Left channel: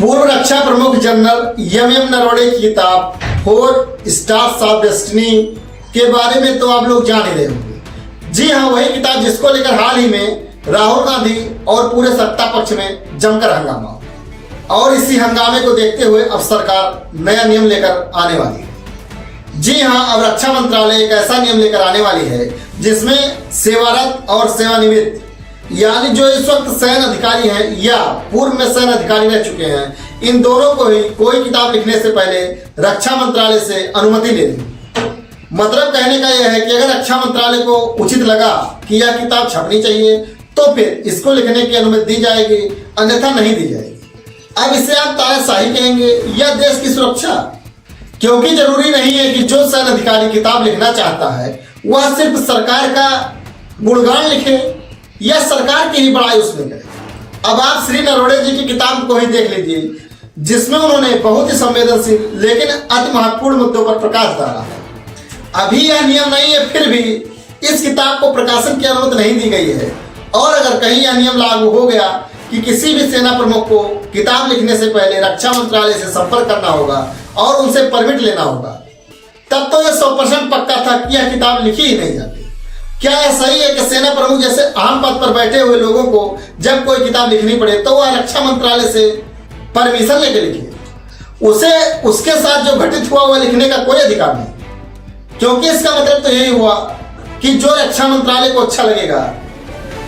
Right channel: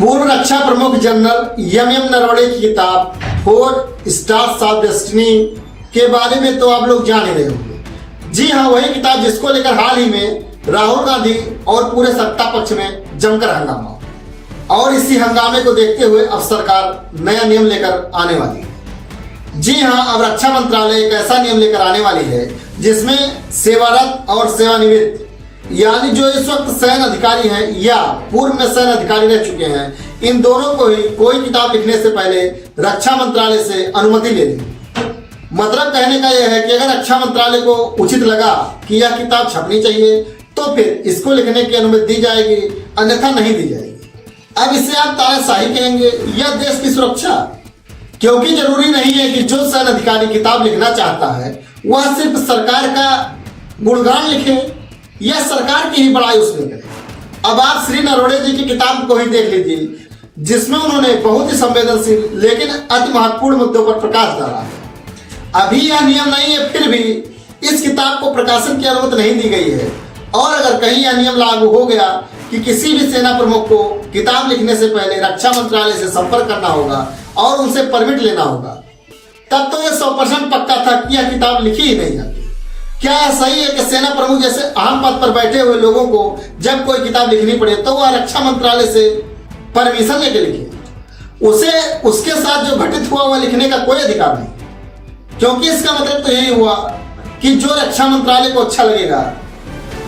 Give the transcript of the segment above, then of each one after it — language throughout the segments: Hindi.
पूर्व रक्षा प्रमुख जनरल एम नरवणे की किताब 4 स्टार्स ऑफ डेस्टिनी के बारे में तो आप लोग जान ही रहे होंगे। जी हाँ, वही किताब जिसको लेकर हाल ही में राहुल गांधी और पूरे सत्ता पक्ष में जमकर हंगामा, और इसी हंगामे को देखते हुए अब सरकार नया नियम लेकर आने वाली है। जी हाँ, अब रक्षा मंत्रालय एक ऐसा नियम लेकर आने वाली है जिसमें सेवारत और सेवानिवृत्त यानी जो इस वक्त सैन्य अधिकारी हैं या पूर्व में सैन्य अधिकारी रह चुके हैं, इन दोनों को ही कोई किताब लिखने से पहले रक्षा मंत्रालय से अनुमति ले लेंगे। मतलब कहने का यह है कि अगर रक्षा मंत्रालय को उचित लगा कि यह किताब छपनी चाहिए तो फिर इसको लिखने की अनुमति दी जाएगी, अन्यथा नहीं दी जाएगी। अब इसे आप तानाशाही कहेंगे या देश की सुरक्षा, क्योंकि जरूरी नहीं है कि जो सैन्य अधिकारी किताब लिखना चाहता है वह सिर्फ सरकार का गुणगान लिखे या सरकार की ही बड़ाई उसमें करे। अब आप श्री नरवणे जी की किताब को ही देख लीजिए, जिसमें उन्होंने बहुत ही संवेदनशील लेकिन अति महत्वपूर्ण मुद्दों पर प्रकाश डाला है। अभी यह नियम नहीं है, फिर भी इस किताब को प्रकाशन की अनुमति नहीं दी गई है। और अगर कहीं यह नियम लागू हो गया कि किसी भी सेना प्रमुख को किताब लिखने से पहले रक्षा मंत्रालय से संपर्क करना होगा और उनसे परमिट लेना होगा, तब तो यह 100% पक्का था कि यह किताब लिखी ही नहीं जाती। क्या यह सही है कि सेना प्रमुख जैसे अहम पद पर बैठे हुए लोगों को जब कोई किताब लिखनी पड़े तो वह रक्षा मंत्रालय से परमिशन लेकर लिखे? उसे उसके साथ जो घटित हुआ वह लिखने का कोई अधिकार नहीं, क्योंकि इसका मतलब तो यही हुआ कि जो रक्षा मंत्रालय को अच्छा लगेगा,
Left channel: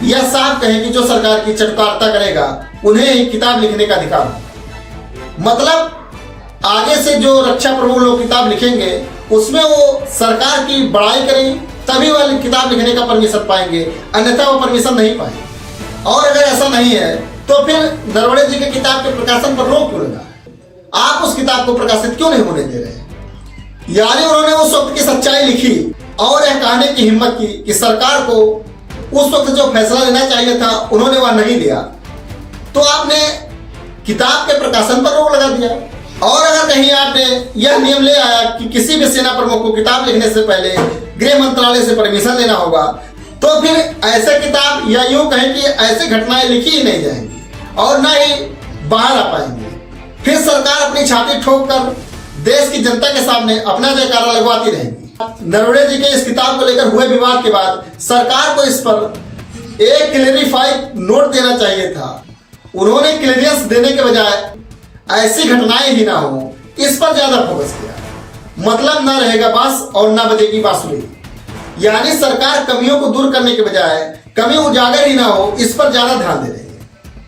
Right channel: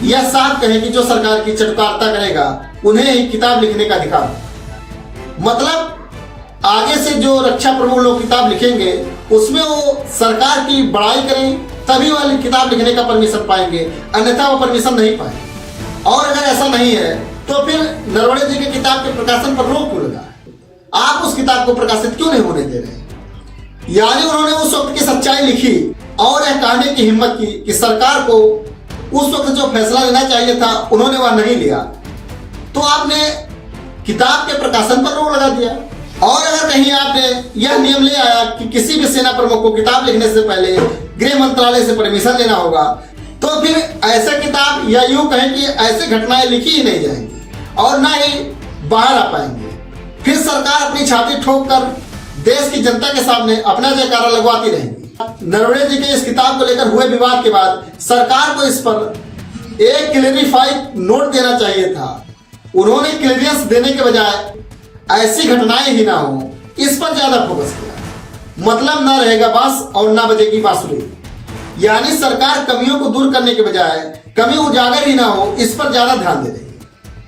यह साफ कहे कि जो सरकार की चटकारता करेगा उन्हें ही किताब लिखने का अधिकार। मतलब आगे से जो रक्षा प्रमुख लोग किताब लिखेंगे उसमें वो सरकार की बड़ाई करें, तभी वह किताब लिखने का परमिशन पाएंगे, अन्यथा वो परमिशन नहीं पाएंगे। और अगर ऐसा नहीं है तो फिर नरवणे जी की किताब के प्रकाशन पर रोक क्यों लगा है? आप उस किताब को प्रकाशित क्यों नहीं होने दे रहे? यानी उन्होंने उस वक्त की सच्चाई लिखी और यह कहने की हिम्मत की कि सरकार को उस वक्त जो फैसला लेना चाहिए था उन्होंने वह नहीं लिया, तो आपने किताब के प्रकाशन पर रोक लगा दिया। और अगर कहीं आपने यह नियम ले आया कि किसी भी सेना प्रमुख को किताब लिखने से पहले गृह मंत्रालय से परमिशन लेना होगा, तो फिर ऐसे किताब या यूं कहें कि ऐसी घटनाएं लिखी ही नहीं जाएंगी और ना ही बाहर आ पाएंगे। फिर सरकार अपनी छाती ठोक कर देश की जनता के सामने अपना जयकारा लगवाती रहेगी। नरवणे जी के इस किताब को लेकर हुए विवाद के बाद सरकार को इस पर एक क्लेरिफाइड नोट देना चाहिए था। उन्होंने क्लियरेंस देने के बजाय ऐसी घटनाएं ही ना हो इस पर ज्यादा फोकस किया। मतलब ना रहेगा बांस और ना बजेगी बांसुरी, यानी सरकार कमियों को दूर करने के बजाय कमी उजागर ही ना हो इस पर ज्यादा ध्यान दे रही है।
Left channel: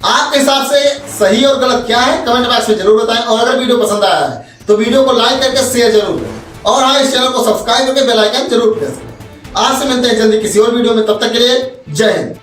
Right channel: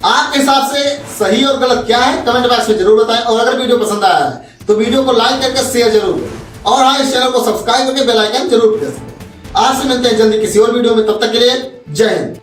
आपके हिसाब से सही और गलत क्या है कमेंट बॉक्स में जरूर बताएं, और अगर वीडियो पसंद आया है तो वीडियो को लाइक करके शेयर जरूर करें, और हाँ, इस चैनल को सब्सक्राइब करके बेल आइकन जरूर प्रेस करें। आपसे मिलते हैं जल्दी किसी और वीडियो में, तब तक के लिए जय हिंद।